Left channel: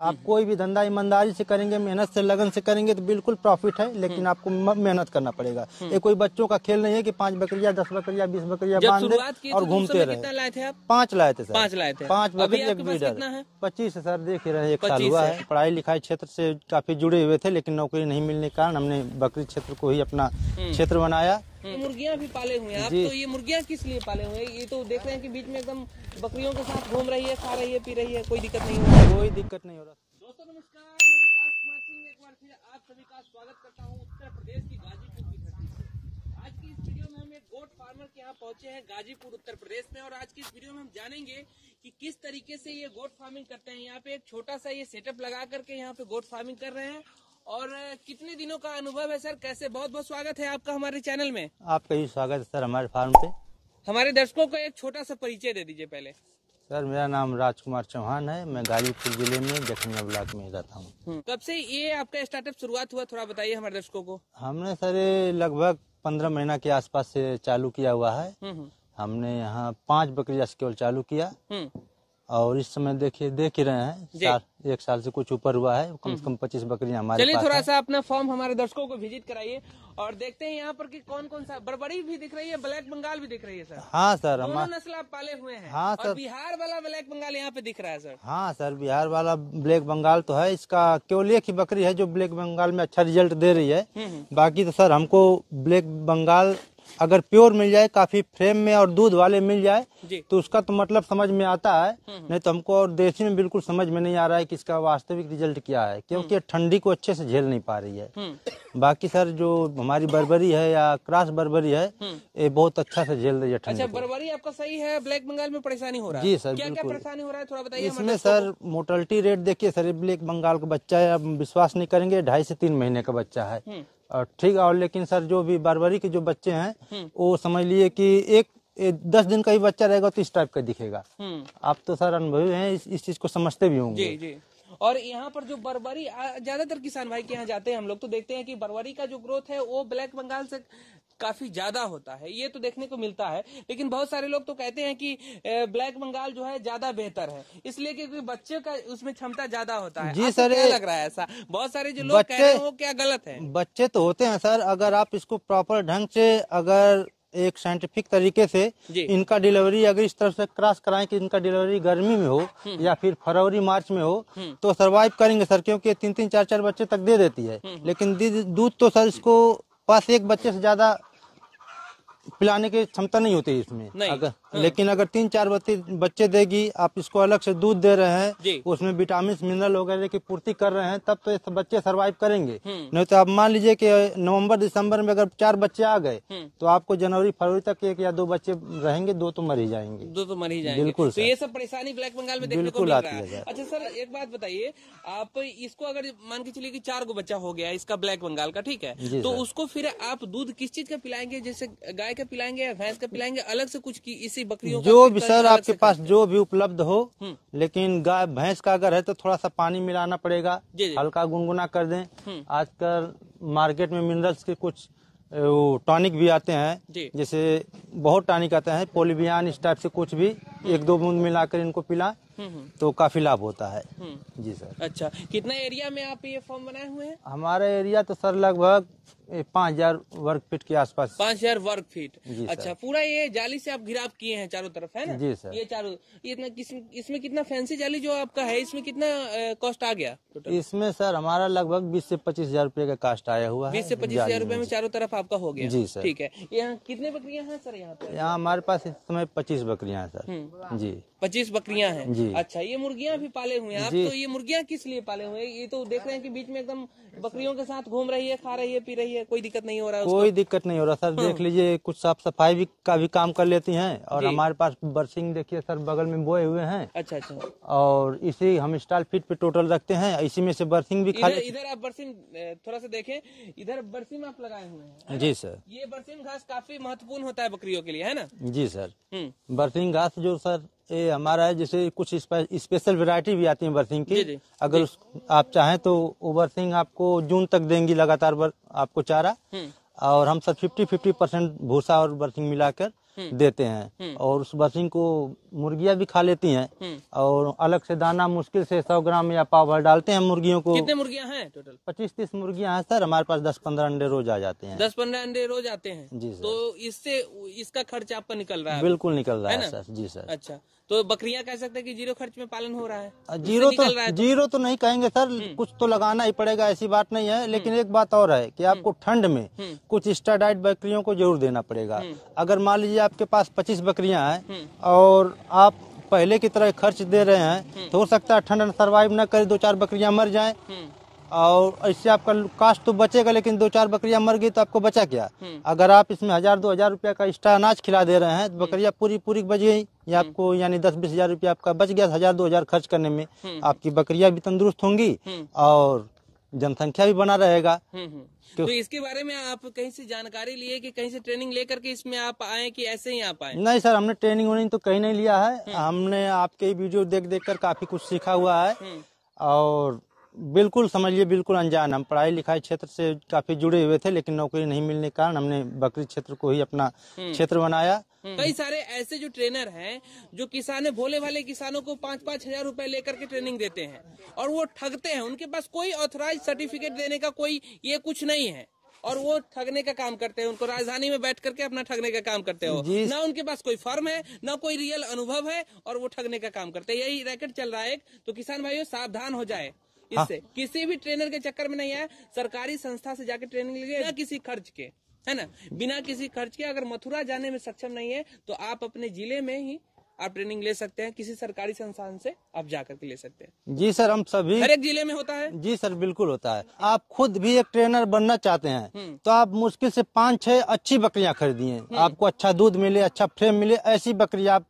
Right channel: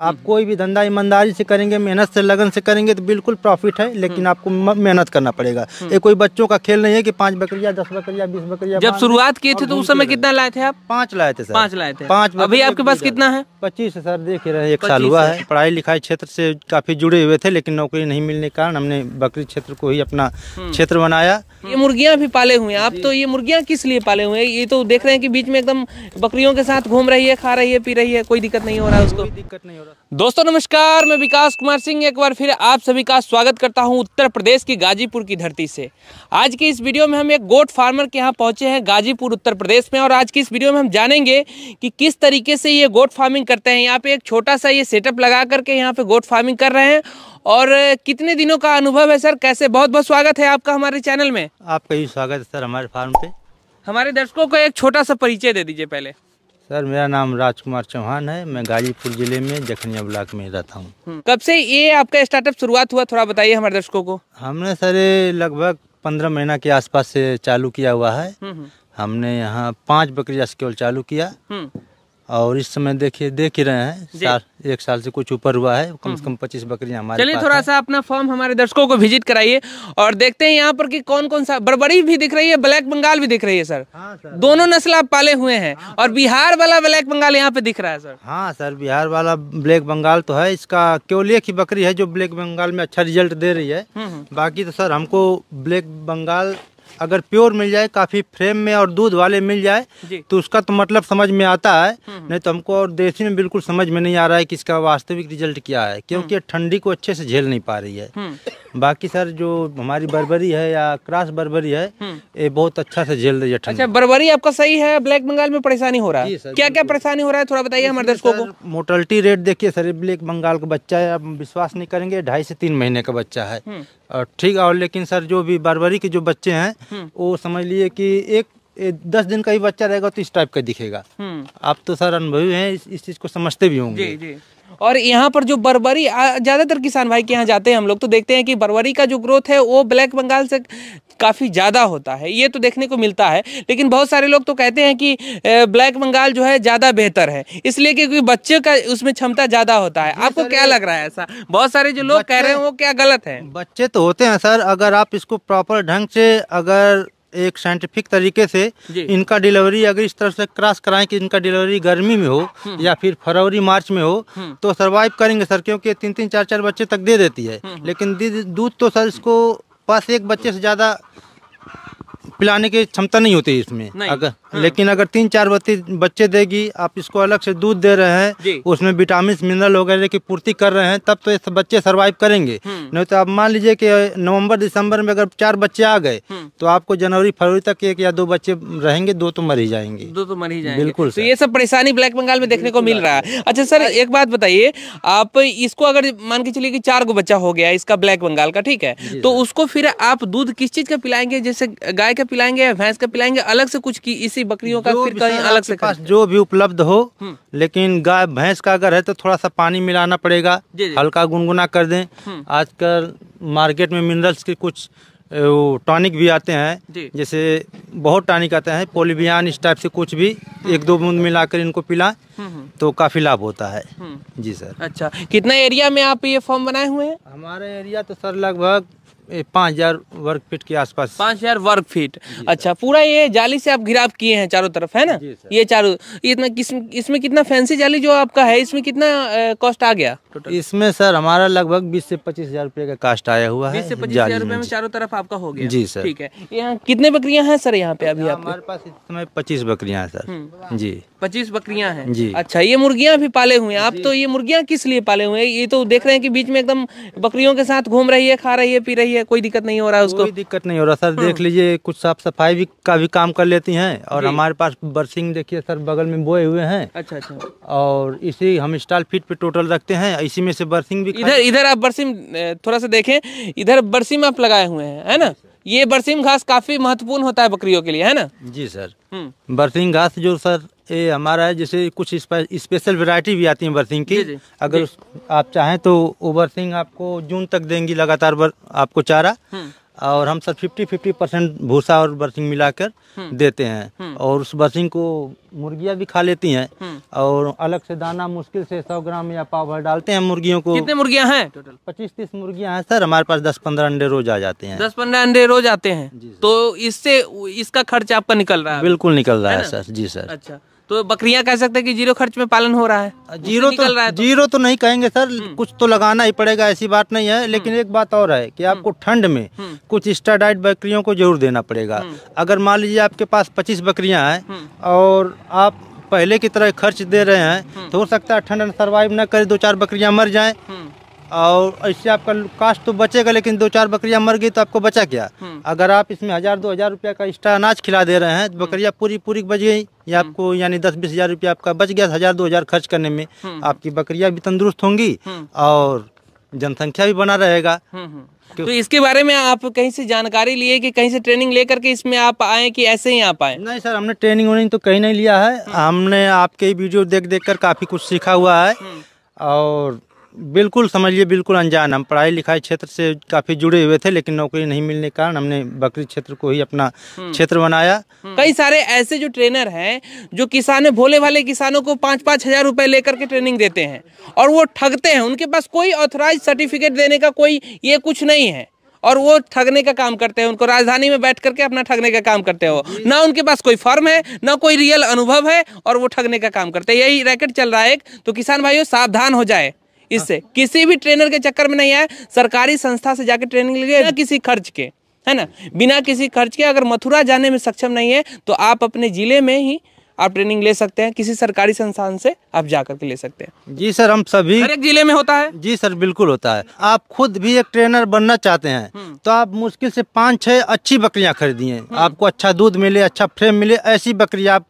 आप कोई भी धंधा ईमानदारी से करेंगे, मेहनत से, लगन से करेंगे तो बिल्कुल प्रॉफिट है, लेकिन आपको मेहनत करना पड़ेगा। ये कोई बच्चों का खेल नहीं है कि 5 बकरियां, 10 बकरियां, 20 बकरियां। जब शुरुआत किए थे तो उस समय कितना लाए थे आप? 5 लाए थे सर। 5 लाए थे। 5। अभी आपके पास कितना है? 25 है सर। देख रहे हैं, 1 साल हुआ है। पढ़ाई लिखाई क्षेत्र से काफी जुड़े हुए थे, लेकिन नौकरी नहीं मिलने के कारण हमने बकरी क्षेत्र को ही अपना क्षेत्र बनाया। ये मुर्गियां भी पाले हुए हैं आप, तो ये मुर्गियां किस लिए पाले हुए हैं? ये तो देख रहे हैं कि बीच में एकदम बकरियों के साथ घूम रही है, खा रही है, पी रही है, कोई दिक्कत नहीं हो रहा है उसको? कोई दिक्कत नहीं हो रहा। दोस्तों नमस्कार, मैं विकास कुमार सिंह एक बार फिर आप सभी का स्वागत करता हूं उत्तर प्रदेश की गाजीपुर की धरती से। आज की इस वीडियो में हम एक गोट फार्मर के यहाँ पहुंचे हैं गाजीपुर उत्तर प्रदेश में, और आज की इस वीडियो में हम जानेंगे कि किस तरीके से ये गोट फार्मिंग करते हैं। यहाँ पे एक छोटा सा ये सेटअप लगा करके यहाँ पे गोट फार्मिंग कर रहे हैं, और कितने दिनों का अनुभव है सर? कैसे? बहुत बहुत स्वागत है आपका हमारे चैनल में। आपका ही स्वागत है सर हमारे फार्म पे। हमारे दर्शकों को एक छोटा सा परिचय दे दीजिए पहले। सर मेरा नाम राजकुमार चौहान है, मैं गाजीपुर जिले में जखनिया ब्लॉक में रहता हूँ। कब से ये आपका स्टार्टअप शुरुआत हुआ, थोड़ा बताइए हमारे दर्शकों को। हमने सर लगभग 15 महीना के आसपास से चालू किया हुआ है। हमने यहाँ 5 बकरियां केवल चालू किया, और इस समय देखिए देख ही रहे हैं 1 साल से कुछ ऊपर हुआ है। कम से कम 25 बकरियां हमारे पास। चलिए थोड़ा सा अपना फॉर्म हमारे दर्शकों को विजिट कराइए और देखते हैं यहाँ पर कि कौन कौन सा। बर्बरी भी दिख रही है, ब्लैक बंगाल भी दिख रही है सर। हाँ सर, दोनों नस्ल आप पाले हुए हैं। हाँ, और बिहार वाला ब्लैक बंगाल यहाँ पे दिख रहा है सर। हाँ सर, बिहार वाला ब्लैक बंगाल तो है। इसका केवल एक ही बकरी है जो ब्लैक बंगाल में अच्छा रिजल्ट दे रही है। बाकी तो सर हमको ब्लैक बंगाल अगर प्योर मिल जाए, काफी फ्रेम में और दूध वाले मिल जाए तो उसका तो मतलब समझ में आता है। नहीं तो हमको और देसी में बिल्कुल समझ में नहीं आ रहा है कि इसका वास्तविक रिजल्ट क्या है, क्योंकि ठंडी को अच्छे से झेल नहीं पा रही है। बाकी सर जो हमारी बर्बरी है या क्रॉस बर्बरी है, ये बहुत अच्छा से झेल रही है ठंडी। अच्छा, बर्बरी आपका सही है। ब्लैक बंगाल में परेशानी हो रहा है, क्या क्या परेशानी हो रहा है थोड़ा बताइए हमारे दर्शकों को। मोर्टेलिटी रेट देखिए सर, ब्लैक बंगाल का बच्चा है, आप विश्वास नहीं करेंगे, 2.5 से 3 महीने का बच्चा है। और ठीक है, और लेकिन सर जो भी बर्बरी के जो बच्चे हैं वो समझ लिए कि 10 दिन का ही बच्चा रहेगा तो इस टाइप का दिखेगा। आप तो सर अनुभवी हैं, इस चीज को समझते भी होंगे। जी। और यहाँ पर जो बर्बरी, ज्यादातर किसान भाई के यहाँ जाते हैं हम लोग तो देखते हैं कि बर्बरी का जो ग्रोथ है वो ब्लैक बंगाल से काफी ज्यादा होता है, ये तो देखने को मिलता है। लेकिन बहुत सारे लोग तो कहते हैं कि ब्लैक बंगाल जो है ज्यादा बेहतर है, इसलिए क्योंकि बच्चे का उसमें क्षमता ज्यादा होता है। आपको क्या लग रहा है ऐसा? बहुत सारे जो लोग कह रहे हैं वो क्या गलत है? बच्चे तो होते हैं सर, अगर आप इसको प्रॉपर ढंग से, अगर एक साइंटिफिक तरीके से इनका डिलीवरी अगर इस तरह से क्रॉस कराएं कि इनका डिलीवरी गर्मी में हो या फिर फरवरी मार्च में हो तो सरवाइव करेंगे सर, क्योंकि 3-3, 4-4 बच्चे तक दे देती है। लेकिन दूध तो सर इसको पास एक बच्चे से ज्यादा पिलाने की क्षमता नहीं होती इसमें। अगर लेकिन अगर 3-4 बच्चे देगी, आप इसको अलग से दूध दे रहे हैं, उसमें विटामिन मिनरल वगैरह की पूर्ति कर रहे हैं, तब तो ये बच्चे सरवाइव करेंगे। नहीं तो आप मान लीजिए कि नवंबर दिसंबर में अगर 4 बच्चे आ गए तो आपको जनवरी फरवरी तक 1 या 2 बच्चे रहेंगे, 2 तो मर ही जाएंगे। 2 तो मर ही जाएंगे, बिल्कुल। तो ये सब परेशानी ब्लैक बंगाल में देखने को मिल रहा है। अच्छा सर एक बात बताइए, आप इसको अगर मान के चलिए कि 4 गो बच्चा हो गया इसका ब्लैक बंगाल का, ठीक है, तो उसको फिर आप दूध किस चीज का पिलाएंगे? जैसे गाय का पिलाएंगे या भैंस का पिलाएंगे, अलग से कुछ की इसी बकरियों का अलग से पास जो भी उपलब्ध हो। लेकिन गाय भैंस का अगर है तो थोड़ा सा पानी मिलाना पड़ेगा, हल्का गुनगुना कर दें। आजकल मार्केट में मिनरल्स के कुछ टॉनिक भी आते हैं, जैसे बहुत टॉनिक आते हैं, पोलिवियन इस टाइप से कुछ भी 1-2 बूंद मिलाकर इनको पिलाएं तो काफी लाभ होता है। जी सर। अच्छा, कितना एरिया में आप ये फॉर्म बनाए हुए हैं? हमारा एरिया तो सर लगभग 5000 वर्ग फीट के आसपास। 5000 वर्ग फीट। अच्छा, पूरा ये जाली से आप घिराव किए हैं चारों तरफ, है ना? ये चारों, इतना इसमें कितना फैंसी जाली जो आपका है, इसमें कितना कॉस्ट आ गया टोटल? इसमें सर हमारा लगभग 20 से 25 हजार रुपए का कास्ट आया हुआ है। 20 से 25 हजार रुपए में चारों तरफ आपका हो गया? जी सर। ठीक है। यहाँ कितने बकरियां हैं सर यहाँ पे अभी? हमारे पास इस समय 25 बकरियां हैं सर। जी 25 बकरियां हैं जी। अच्छा, ये मुर्गियां भी पाले हुए हैं आप? तो ये मुर्गियां किस लिए पाले हुए हैं? ये तो देख रहे हैं कि बीच में एकदम बकरियों के साथ घूम रही है, खा रही है, पी रही है, कोई दिक्कत नहीं हो रहा है उसको? कोई दिक्कत नहीं हो रहा सर। देख लीजिए, कुछ साफ सफाई का भी काम कर लेती हैं, और हमारे पास बरसिंग देखिए सर बगल में बोए हुए हैं। अच्छा। और इसी हम स्टॉल फीट पे टोटल रखते हैं, इसी में से बरसिंग भी इधर आप बरसिम थोड़ा सा देखें, इधर बरसिम आप लगाए हुए हैं, है ना? ये बरसिम घास काफी महत्वपूर्ण होता है बकरियों के लिए, है ना? जी सर। बरसिंग घास जो सर ये हमारा है, जैसे कुछ स्पेशल वैरायटी भी आती है बरसिंग की। अगर आप चाहें तो वो बरसिंग आपको जून तक देंगी लगातार आपको चारा। और हम सर 50% भूसा और बरसिंग मिलाकर देते हैं। और उस बरसिंग को मुर्गियाँ भी खा लेती हैं और अलग से दाना मुश्किल से 100 ग्राम या पाव भर डालते हैं मुर्गियों को। कितने मुर्गियाँ हैं टोटल? 25-30 मुर्गियाँ हैं सर, हमारे पास 10-15 अंडे रोज आ जाते हैं। 10-15 अंडे रोज आते हैं, तो इससे इसका खर्च आपका निकल रहा है? बिल्कुल निकल रहा है सर। जी सर। अच्छा, तो बकरियां कह सकते हैं कि जीरो खर्च में पालन हो रहा है? जीरो तो नहीं कहेंगे सर, कुछ तो लगाना ही पड़ेगा, ऐसी बात नहीं है। लेकिन एक बात और है कि आपको ठंड में कुछ एक्स्ट्रा डाइट बकरियों को जरूर देना पड़ेगा। अगर मान लीजिए आपके पास 25 बकरियां हैं और आप पहले की तरह खर्च दे रहे हैं तो हो सकता है ठंड सर्वाइव न करे, 2-4 बकरियां मर जाएं और इससे आपका कास्ट तो बचेगा, लेकिन 2-4 बकरियां मर गई तो आपको बचा क्या? अगर आप इसमें 1000-2000 रुपया का एक्स्ट्रा अनाज खिला दे रहे हैं तो बकरियां पूरी बच गई, या आपको यानी 10-20 हजार रुपया आपका बच गया 1000-2000 खर्च करने में। आपकी बकरियां भी तंदुरुस्त होंगी और जनसंख्या भी बना रहेगा। तो इसके बारे में आप कहीं से जानकारी लिए कि कहीं से ट्रेनिंग लेकर के इसमें आप आए कि ऐसे ही आप आए? नहीं सर, हमने ट्रेनिंग तो कहीं नहीं लिया है। हमने आपके वीडियो देख कर काफी कुछ सीखा हुआ है और बिल्कुल समझिए बिल्कुल अनजान। हम पढ़ाई लिखाई क्षेत्र से काफी जुड़े हुए थे, लेकिन नौकरी नहीं मिलने के कारण हमने बकरी क्षेत्र को ही अपना क्षेत्र बनाया। कई सारे ऐसे जो ट्रेनर हैं जो किसान भोले भाले किसानों को 5-5 हजार रुपए लेकर के ट्रेनिंग देते हैं और वो ठगते हैं। उनके पास कोई ऑथराइज सर्टिफिकेट देने का कोई ये कुछ नहीं है और वो ठगने का काम करते हैं। उनको राजधानी में बैठ करके अपना ठगने का काम करते हो, ना उनके पास कोई फर्म है ना कोई रियल अनुभव है और वो ठगने का काम करते हैं। यही रैकेट चल रहा है एक। तो किसान भाइयों सावधान हो जाए इससे, किसी भी ट्रेनर के चक्कर में नहीं आए। सरकारी संस्था से जाके ट्रेनिंग लीजिए बिना किसी खर्च के, है ना, बिना किसी खर्च के। अगर मथुरा जाने में सक्षम नहीं है तो आप अपने जिले में ही आप ट्रेनिंग ले सकते हैं, किसी सरकारी संस्थान से आप जाकर के ले सकते हैं। जी सर, हम सभी हर एक जिले में होता है। जी सर, बिल्कुल होता है। आप खुद भी एक ट्रेनर बनना चाहते हैं तो आप मुश्किल से 5-6 अच्छी बकरियां खरीदिए, आपको अच्छा दूध मिले, अच्छा फ्रेम मिले। ऐसी बकरी आप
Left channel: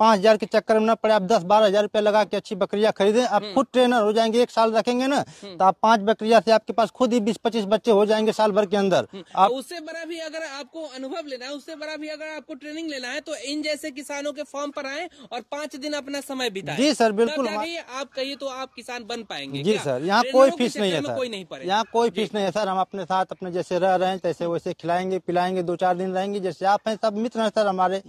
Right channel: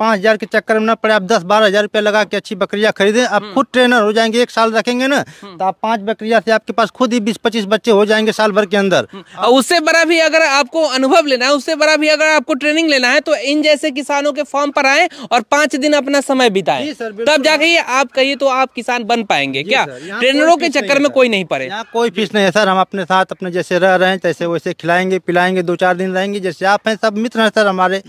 5000 के चक्कर में न पड़े, आप 10-12 हजार रुपया लगा के अच्छी बकरियां खरीदें। आप खुद ट्रेनर हो जाएंगे, 1 साल रखेंगे ना तो आप 5 बकरियां से आपके पास खुद ही 20-25 बच्चे हो जाएंगे साल भर के अंदर। उससे बड़ा भी अगर आपको अनुभव लेना है, उससे बड़ा भी अगर आपको ट्रेनिंग लेना है तो इन जैसे किसानों के फॉर्म पर आए और 5 दिन अपना समय बिताए, तब जाके आप कहिए तो आप किसान बन पाएंगे। क्या ट्रेनरों के चक्कर में कोई नहीं पड़े? यहाँ कोई फीस नहीं है सर। हम अपने साथ अपने जैसे रह रहे हैं तैसे वैसे खिलाएंगे पिलाएंगे, 2-4 दिन रहेंगे जैसे आप हैं। सब मित्र हैं सर हमारे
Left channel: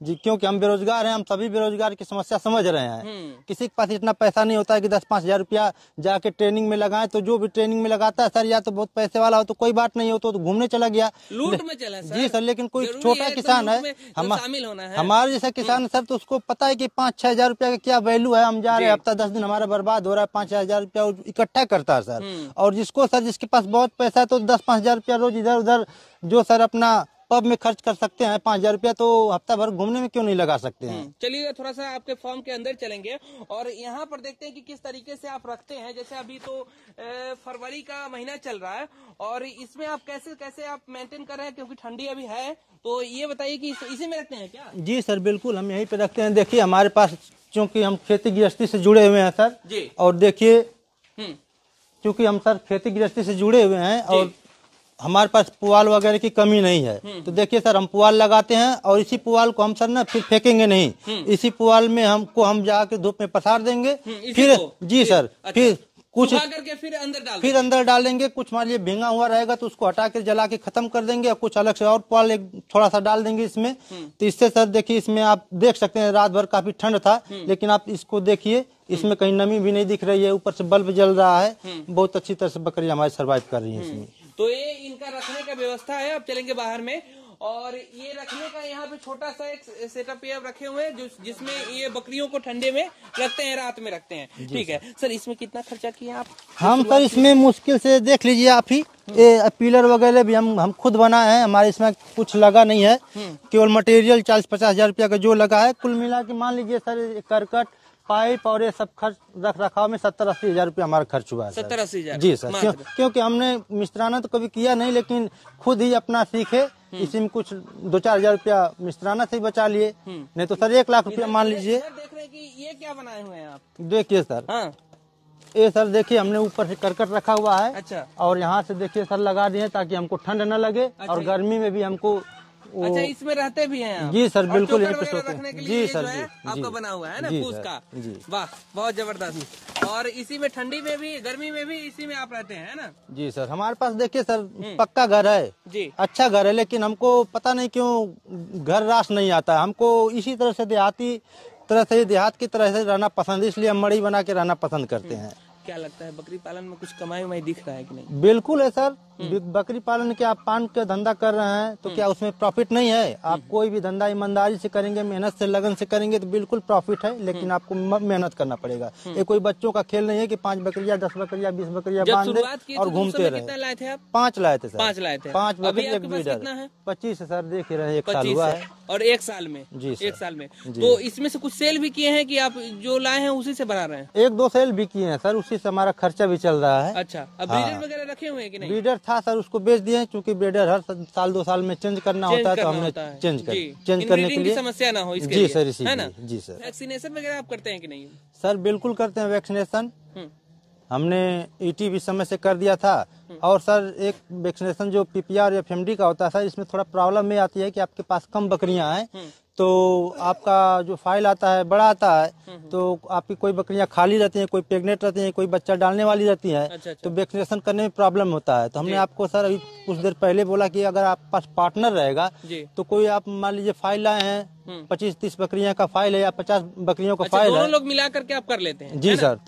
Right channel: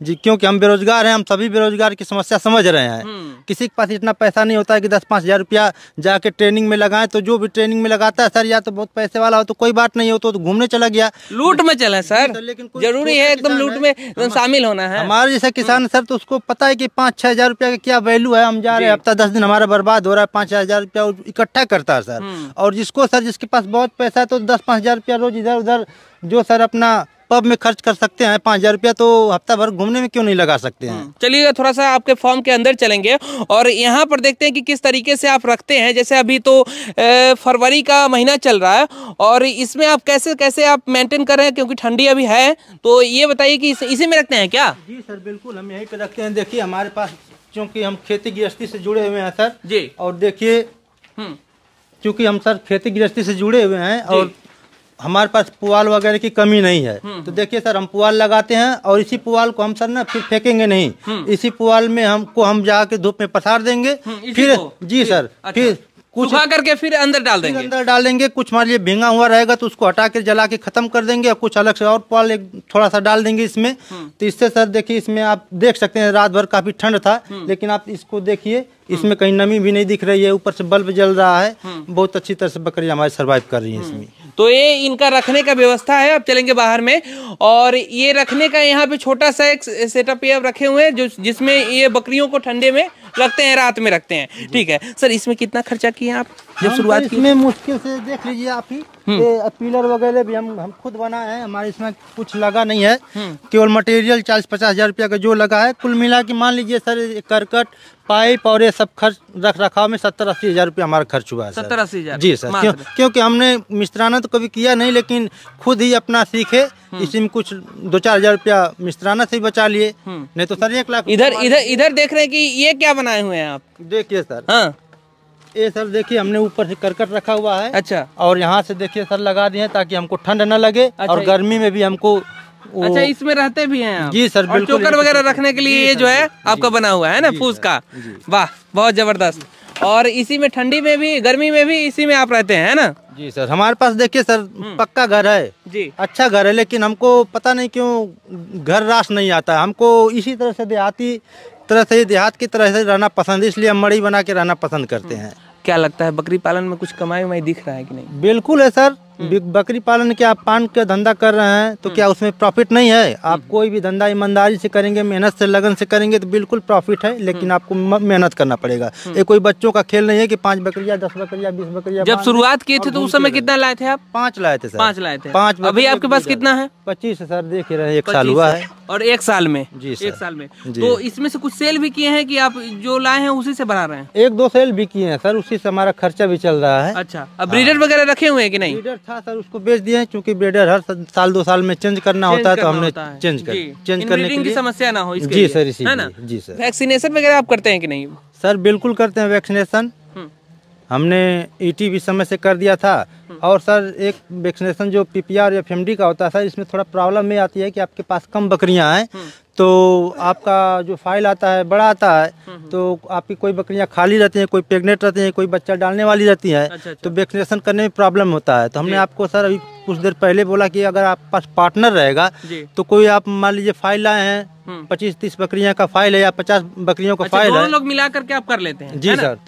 जी, क्योंकि हम बेरोजगार हैं। हम सभी बेरोजगार की समस्या समझ रहे हैं। किसी के पास इतना पैसा नहीं होता है कि 10-5 हजार रुपया जाके ट्रेनिंग में लगाएं। तो जो भी ट्रेनिंग में लगाता है सर, या तो बहुत पैसे वाला हो तो कोई बात नहीं हो तो घूमने चला गया, लूट में चला सर। लेकिन जरूरी है एकदम लूट में शामिल होना है। हमारे जैसा किसान सर तो उसको पता है कि 5-6 हजार रुपया का क्या वैल्यू है। हम जा रहे हैं, हफ्ता 10 दिन हमारा बर्बाद हो रहा है, 5 हजार रुपया इकट्ठा करता है सर। और जिसको सर जिसके पास बहुत पैसा है तो 10-5 हजार रुपया रोज इधर उधर जो सर अपना पब में खर्च कर सकते हैं 5 हजार रुपया, तो हफ्ता भर घूमने में क्यों नहीं लगा सकते हैं। चलिए थोड़ा सा आपके फॉर्म के अंदर चलेंगे और यहाँ पर देखते हैं कि किस तरीके से आप रखते हैं। जैसे अभी तो फरवरी का महीना चल रहा है और इसमें आप कैसे कैसे आप मेंटेन कर रहे हैं, क्योंकि ठंडी अभी है। तो ये बताइए कि इसी में रखते हैं क्या? जी सर बिल्कुल, हम यहीं पे रखते हैं। देखिए हमारे पास चूँकि हम खेती गृहस्थी से जुड़े हुए हैं सर जी, और देखिए चूँकि हम सर खेती गृहस्थी से जुड़े हुए हैं और हमारे पास पुआल वगैरह की कमी नहीं है। तो देखिए सर, हम पुआल लगाते हैं और इसी पुआल को हम सर ना फिर फेंकेंगे नहीं। इसी पुआल में हम जाके धूप में पसार देंगे। फिर जी सर, फिर कुछ करके फिर अंदर डाल देंगे। कुछ मान लीजिए भींगा हुआ रहेगा तो उसको हटा के जला के खत्म कर देंगे और कुछ अलग से और पुआल थोड़ा सा डाल देंगे इसमें। तो इससे सर देखिए, इसमें आप देख सकते हैं रात भर काफी ठंड था, लेकिन आप इसको देखिए इसमें कहीं नमी भी नहीं दिख रही है, ऊपर से बल्ब जल रहा है। बहुत अच्छी तरह से बकरी हमारी सर्वाइव कर रही है इसमें। तो ये इनका रखने का व्यवस्था है। अब चलेंगे बाहर में और ये रखने का यहाँ पे छोटा सा एक सेटअप ये रखे हुए हैं जिसमें ये बकरियों को ठंडे में रखते हैं, रात में रखते हैं। ठीक है सर, इसमें कितना खर्चा किए आप? शुरुआत इसमें मुश्किल से देख लीजिए आप ही, पिलर वगैरह भी हम खुद बनाए हैं। हमारे इसमें कुछ लगा नहीं है, केवल मटेरियल 40-50 हजार रुपया का जो लगा है। कुल मिला के मान लीजिए सर करकट पाइप और ये सब खर्च रख रखाव में 70-80 हजार रुपया हमारा खर्च हुआ है। 70-80 हजार जी सर, क्योंकि हमने मिस्त्राना तो कभी किया नहीं, लेकिन खुद ही अपना सीखे। इसी में कुछ 2-4 हजार रुपया मिस्त्राना से ही बचा लिए, नहीं तो सर 1 लाख। इधर देख रहे हैं कि ये क्या बनाए हुए हैं आप? देखिए सर, हाँ ये सर देखिए हमने ऊपर से करकट रखा हुआ है। अच्छा, और यहाँ से देखिए सर लगा दिए ताकि हमको ठंड न लगे। अच्छा, और गर्मी में भी हमको अच्छा इसमें रहते भी हैं आप? जी सर बिल्कुल। चोकर वगैरह रखने के लिए ये जो है आपका बना हुआ है ना फूस का। वाह बहुत जबरदस्त। और इसी में ठंडी में भी गर्मी में भी इसी में आप रहते हैं, है ना? जी सर, हमारे पास देखिए सर पक्का घर है जी। अच्छा घर है, लेकिन हमको पता नहीं क्यों घर रास नहीं आता है। हमको इसी तरह से देहात की तरह से रहना पसंद है, इसलिए हम मड़ई बना के रहना पसंद करते हैं। क्या लगता है बकरी पालन में कुछ कमाई उमाई दिख रहा है कि नहीं? बिल्कुल है सर, बकरी पालन के आप पान का धंधा कर रहे हैं तो क्या उसमें प्रॉफिट नहीं है? आप कोई भी धंधा ईमानदारी से करेंगे, मेहनत से लगन से करेंगे तो बिल्कुल प्रॉफिट है, लेकिन आपको मेहनत करना पड़ेगा। ये कोई बच्चों का खेल नहीं है कि 5 बकरियां 10 बकरियां 20 बकरियां। जब शुरुआत किए थे तो उस समय कितना लाए थे आप? 5 लाए थे सर। 5 लाए थे। 5। अभी आपके पास कितना है? 25 है सर, देख रहे 1 साल हुआ है। और 1 साल में? जी सर। 1 साल में। तो इसमें से कुछ सेल भी किए हैं कि आप जो लाए हैं उसी से बना रहे हैं? 1-2 सेल भी किए हैं सर, उसी से हमारा खर्चा भी चल रहा है। अच्छा, अब ब्रीडर वगैरह रखे हुए हैं कि नहीं? ब्रीडर था सर, उसको बेच दिए, क्योंकि ब्रीडर हर साल 2 साल में चेंज करना होता है, तो हमने चेंज करने के लिए समस्या ना हो इसके जी लिए, सर, इसी है ना? जी सर। वैक्सीनेशन वगैरह आप करते हैं कि नहीं? सर बिल्कुल करते हैं वैक्सीनेशन, हमने ईटी भी समय से कर दिया था। और सर एक वैक्सीनेशन जो पीपीआर या एफएमडी का होता है सर, इसमें थोड़ा प्रॉब्लम ये आती है कि आपके पास कम बकरियां हैं तो आपका जो फाइल आता है बड़ा आता है, तो आपकी कोई बकरियां खाली रहती हैं, कोई प्रेग्नेंट रहती हैं, कोई बच्चा डालने वाली रहती हैं। अच्छा। तो वैक्सीनेशन करने में प्रॉब्लम होता है। तो हमने आपको सर अभी कुछ देर पहले बोला कि अगर आपके पास पार्टनर रहेगा तो कोई आप मान लीजिए फाइल लाए हैं 25-30 बकरियां का फाइल है या 50 बकरियों का फाइल है, लोग मिला करके आप कर लेते हैं? जी सर।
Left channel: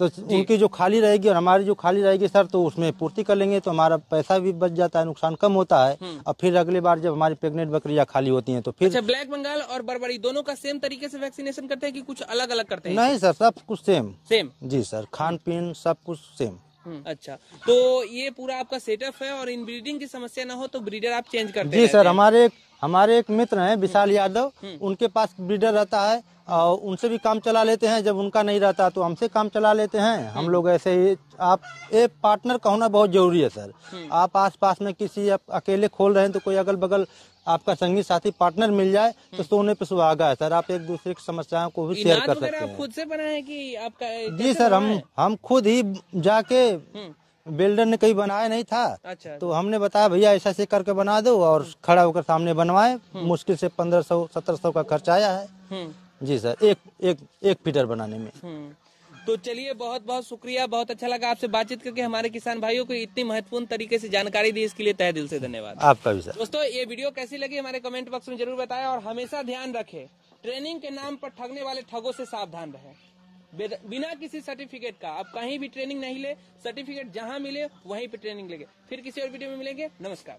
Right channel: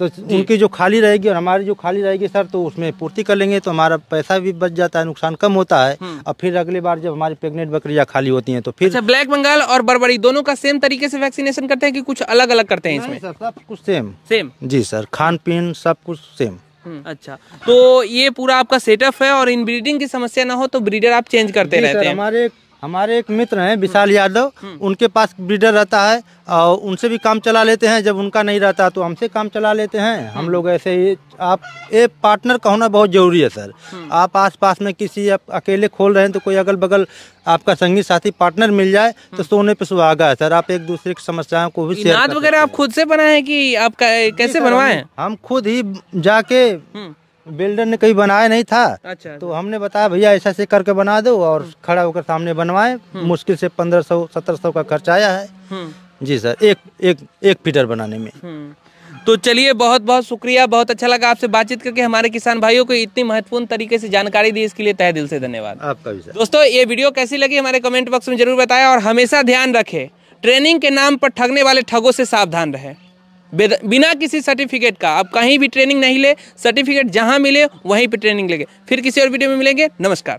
तो उनकी जो खाली रहेगी और हमारी जो खाली रहेगी सर, तो उसमें पूर्ति कर लेंगे, तो हमारा पैसा भी बच जाता है, नुकसान कम होता है। और फिर अगली बार जब हमारी प्रेग्नेंट बकरियां खाली होती हैं तो फिर। अच्छा, ब्लैक बंगाल और बर्बरी दोनों का सेम तरीके से वैक्सीनेशन करते हैं कि कुछ अलग अलग करते हैं? नहीं सर, सब कुछ सेम। जी सर, खान पीन सब कुछ सेम। अच्छा, तो ये पूरा आपका सेटअप है और इन ब्रीडिंग की समस्या ना हो तो ब्रीडर आप चेंज करते रहते हैं? हमारे एक मित्र हैं विशाल यादव, उनके पास ब्रीडर रहता है और उनसे भी काम चला लेते हैं। जब उनका नहीं रहता तो हमसे काम चला लेते हैं। हम लोग ऐसे ही, आप एक पार्टनर का होना बहुत जरूरी है सर। आप आसपास में किसी आप अकेले खोल रहे हैं तो कोई अगल बगल आपका संगी साथी पार्टनर मिल जाए तो सोने पे सुहागा है सर। आप एक दूसरे की समस्याओं को भी शेयर कर सकते हैं। वगैरह आप खुद से बनाए कि आप कैसे बनवाए? हम खुद ही जाके, बिल्डर ने कहीं बनाया नहीं था। अच्छा। तो हमने बताया भैया ऐसा ऐसे करके बना दो, और खड़ा होकर सामने बनवाए। मुश्किल से 1500-1700 का खर्चा आया है। जी सर, एक फीडर बनाने में। तो चलिए, बहुत बहुत शुक्रिया, बहुत अच्छा लगा आपसे बातचीत करके। हमारे किसान भाइयों को इतनी महत्वपूर्ण तरीके से जानकारी दी, इसके लिए तहे दिल से धन्यवाद। आपका भी सर। दोस्तों, ये वीडियो कैसी लगी हमारे कमेंट बॉक्स में जरूर बताएं और हमेशा ध्यान रखें, ट्रेनिंग के नाम पर ठगने वाले ठगों से सावधान रहें। बिना किसी सर्टिफिकेट का आप कहीं भी ट्रेनिंग नहीं ले, सर्टिफिकेट जहां मिले वहीं पे ट्रेनिंग लेंगे। फिर किसी और वीडियो में मिलेंगे। नमस्कार।